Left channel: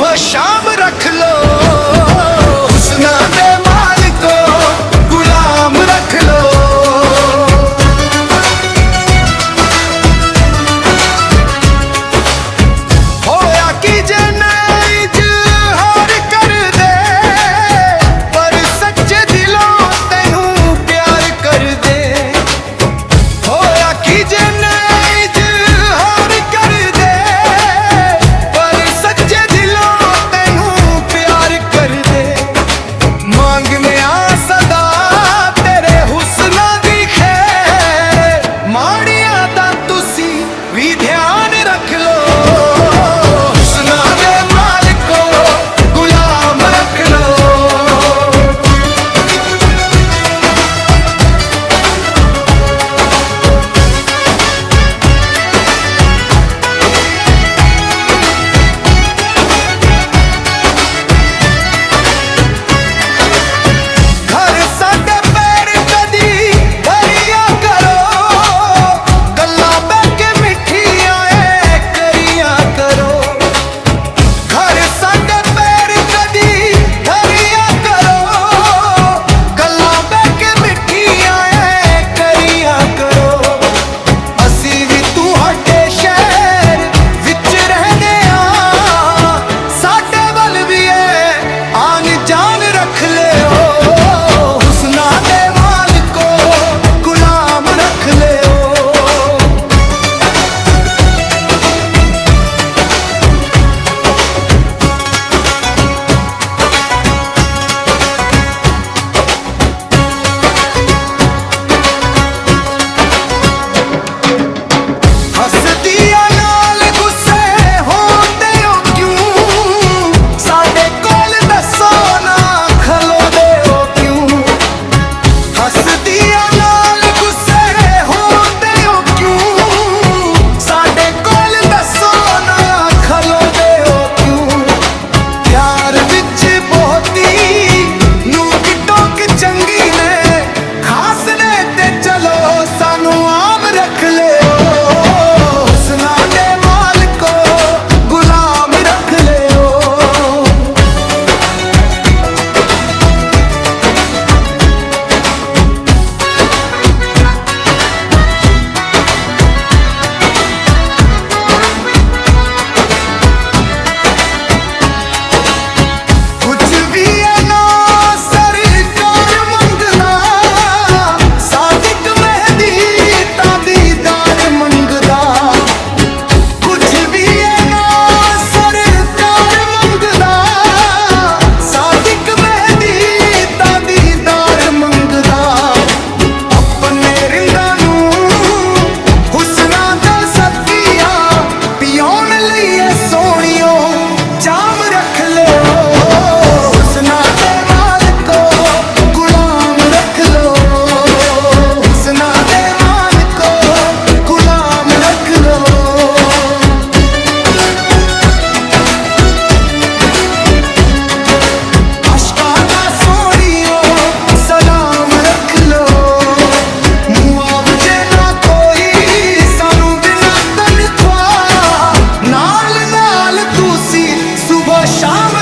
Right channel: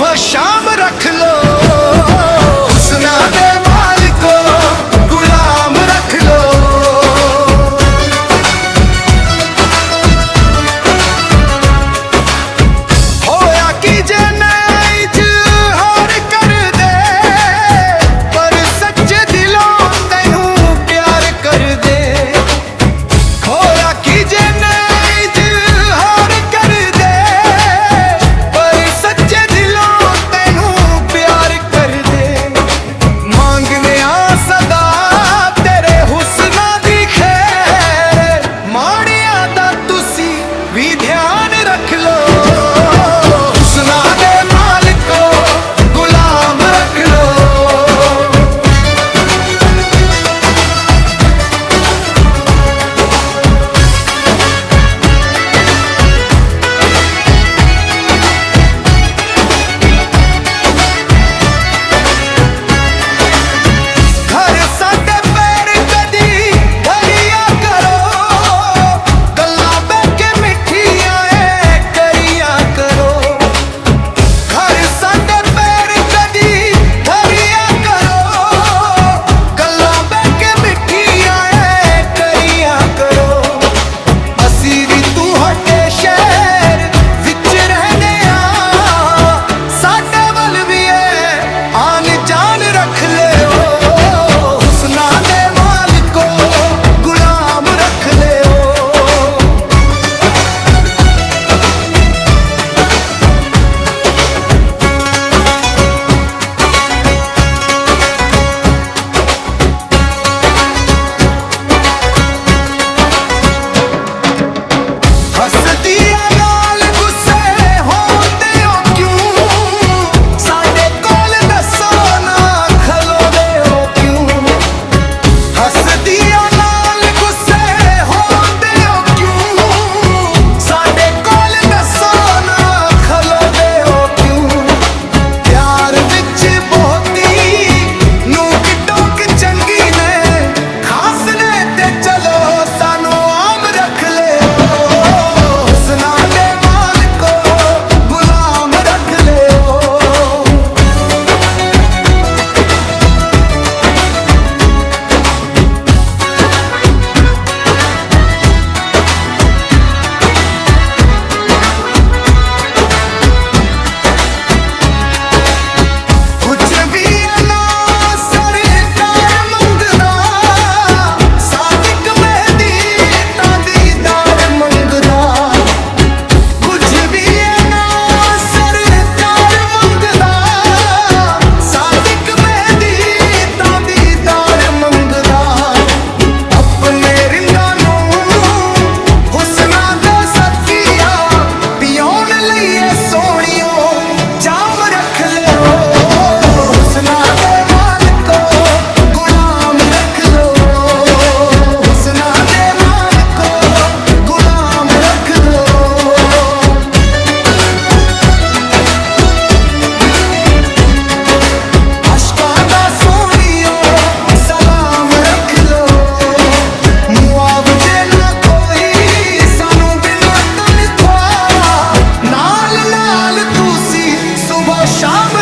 सुबह शाम रख लो, हुस्ना दे मालिको गुलाम रख लो। होया कि जे नहीं इजहार कर दे, पर सच्चे दिलों तेनू प्यार कर दे। होया कि जे नहीं इजहार कर दे, पर सच्चे दिलों तेनू प्यार कर दे। मांगने आ सदा तेरे हुस्ना दी खैर, माड़िया दा तुसी भी ध्यान रख लो, हुस्ना दे मालिको गुलाम रख लो। घर साडे पैर कदी धरिया करो, गल्लां बह के मिठियां ऐ करिया करो। घर साडे पैर कदी धरिया करो, गल्लां बह के मिठियां ऐ करिया करो। असी भी तुहाडे शहर विच रहने आ, साडे वल भी है आन जान रख लियो, हुस्ना दे मालिको गुलाम रख लियो। हसदिया नाल गुस्से होंदे हो क्यों, साडे कोल दसो ना खलोदे हो क्यों। हसदिया नाल गुस्से होंदे हो क्यों, साडे कोल दसो ना खलोदे हो क्यों। प्यार विच बहुती नूक टोक चंगी ने, खास ने ते चलो सानू आम रख लियो, हुस्ना दे मालिको गुलाम रख लियो। कुछ भी है ना सरकार मंगदा, सादिक मेहदी तां दीदार मंगदा। कुछ भी है ना सरकार मंगदा, सादिक मेहदी तां दीदार मंगदा। अपने रिंदा नू हुस्ना दे सदकिया पियोन लईए सोहणियो जाम रख लियो, हुस्ना दे मालिको गुलाम रख लो, हुस्ना दे मालिको गुलाम रख लो। अशकां दा सोहणियो सलाम रख लो, मुआवजे ना कोई सानू बिना तनख्वाह, नाल नाल तुसी सुबह शाम